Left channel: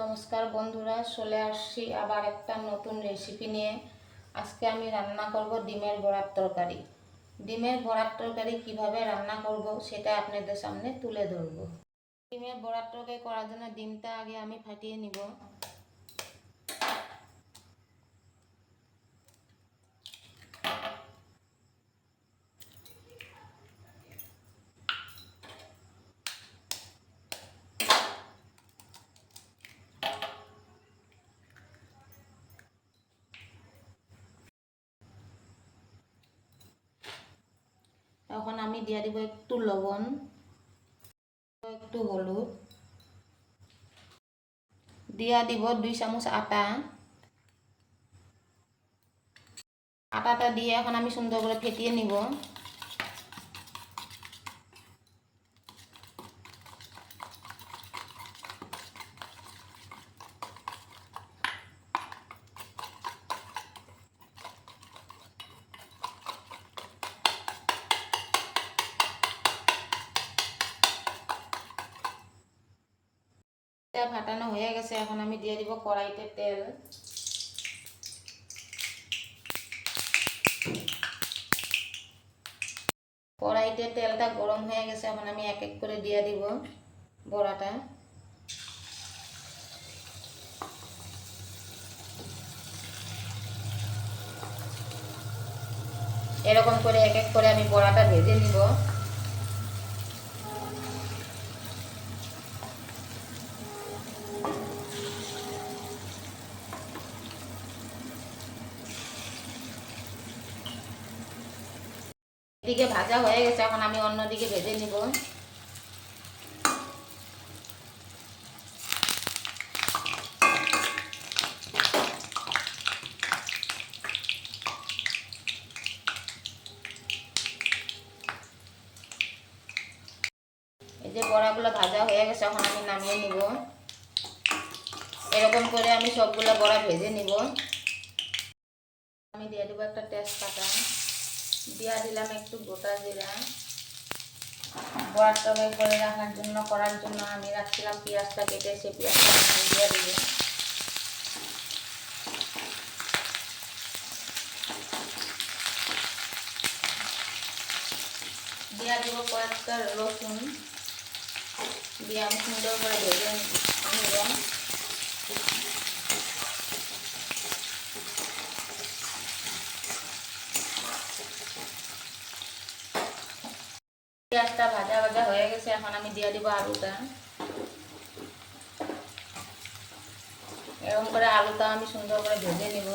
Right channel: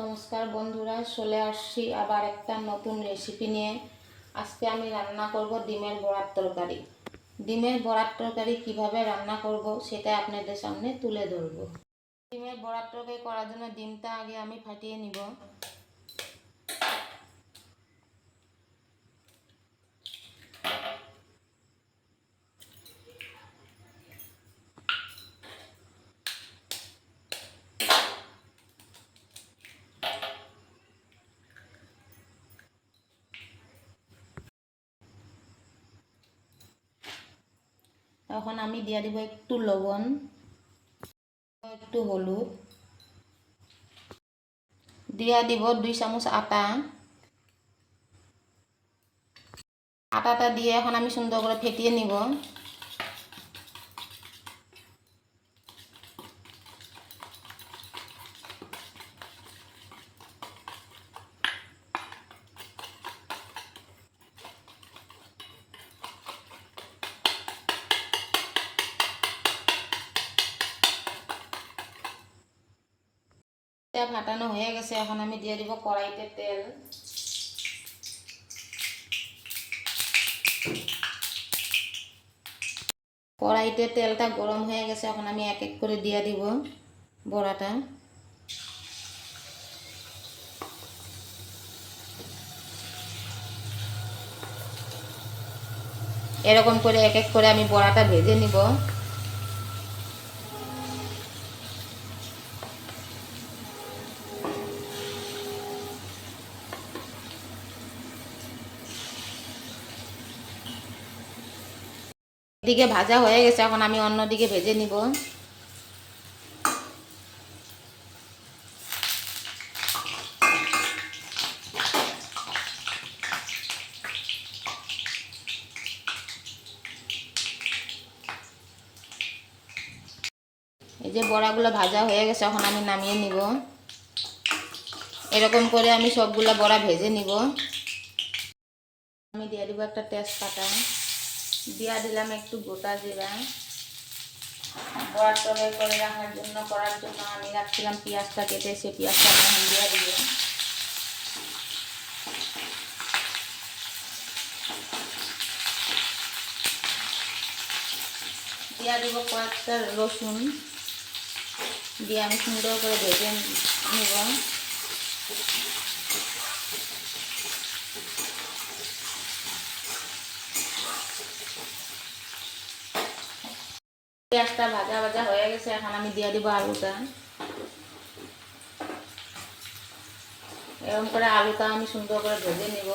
নমস্কার বন্ধুরা, চলে আসছি আবার একটা নতুন রেসিপি নিয়ে। আজকে আমি রান্না করব ডিমের বড়ার তরকারি। ডিমের বড়ার তরকারি কিভাবে রান্না করব সেটা আপনাদের সামনে তুলে ধরব। ডিমের বড়ার তরকারি করার জন্য ডিমটা আগে আমি ফাটিয়ে নিব। এখন আমি দিয়ে দিব একটু লবণ, একটু হলুদ, দিয়ে দিব 2 চামচ আটা। আটাটা দিয়ে এখন আমি সুন্দর করে ফেটিয়ে নিব। ফাটানো হয়ে গেছে, এখন আমি দিয়ে দিব কড়াইতে তেল। কড়াইতে তেলটা গরম হয়ে গেছে, এখন আমি এক এক করে দিয়ে দিব বড়াটা। এরকম করে এক এক করে আমি বড়াটা ভেজে নিব। এদিকে ভাজা হয়ে গেছে, এখন আমি অন্যদিকে ভেজে নিব। এই যে বড়াগুলো ভাজা হয়ে গেছে, এখন আমি নামিয়ে নিব। এরকম করে আমি সবগুলো বড়া ভেজে নিব। আমি দিয়ে দিব একটা তেজপাতা, দিয়ে দিলাম একটু গোটা জিরা। বড়ার তরকারি করে করার জন্য আমি রাখছিলাম পেঁয়াজটা কেটে, সেই পেঁয়াজটা আমি দিয়ে দিব। দিয়ে দিব কয়েকটা রসুন, দিয়ে আমি সুন্দর করে ভেজে নিব। পেঁয়াজটা ভাজা ভাজা হয়ে গেছে, এখন আমি দিয়ে দিব আলুটা। এরকম করে আলুটা আমি সুন্দর করে ভেজে নিব।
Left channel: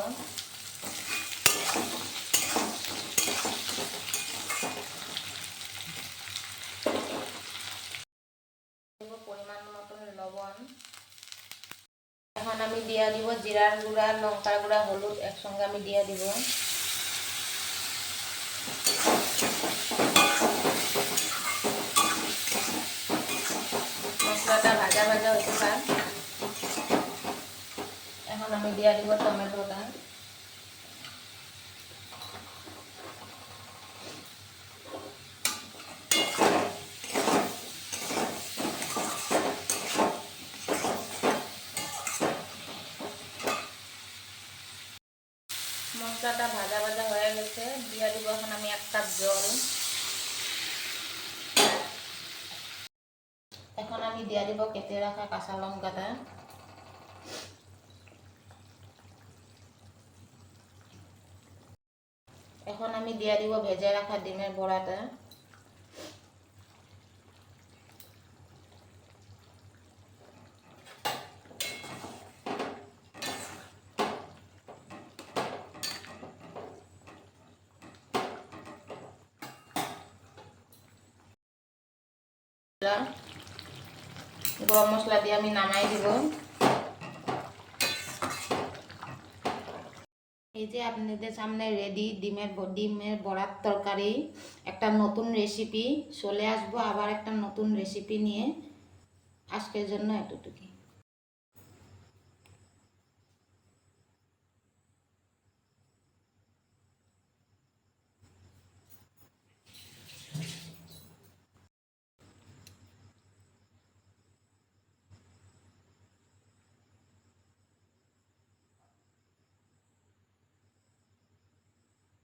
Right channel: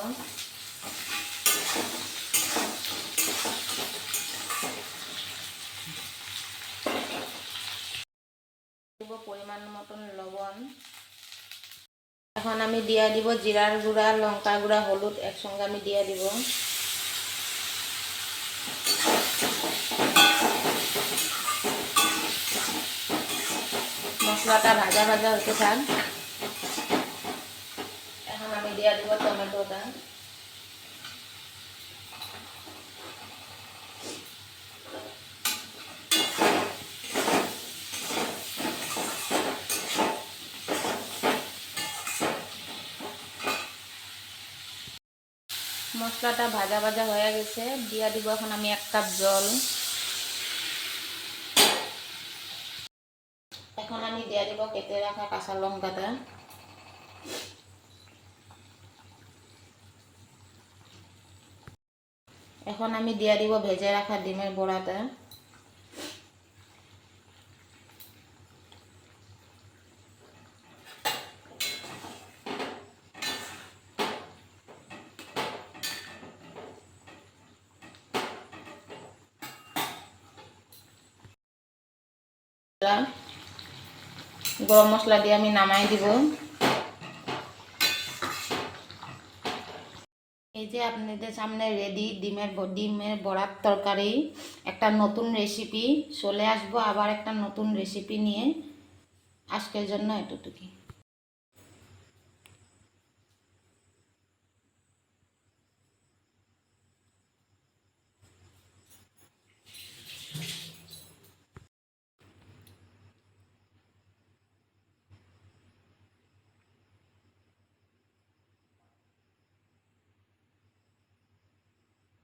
পরিমাণ মতন লবণ। এখন আমি দিয়ে দিব জিরার গুঁড়া, লঙ্কার গুঁড়া, হলুদ একসঙ্গে আমি দিয়ে দিব। মশলাটা ভাজা ভাজা হতে থাক। এখন আমি দিয়ে দিব টমেটোটা। মশলাটা ভাজা ভাজা হয়ে গেছে, দিয়ে দিব এখন আমি 1 কাপ জল। এখন আমি দিয়ে দিব কেটে রাখা কাঁচা লঙ্কাটা। এখন আমি দিয়ে দিব ভেজে রাখা ডিমের বড়াটা। গরম মশলা দিয়ে আমি নামাই দিব। এই যে আপনাদের সামনে রেডি ডিমের বড়ার তরকারি। একটা নতুন রেসিপি চলে আসবো, আবার একটা নতুন রেসিপি নিয়ে। আজকের জন্য এতটুকুই।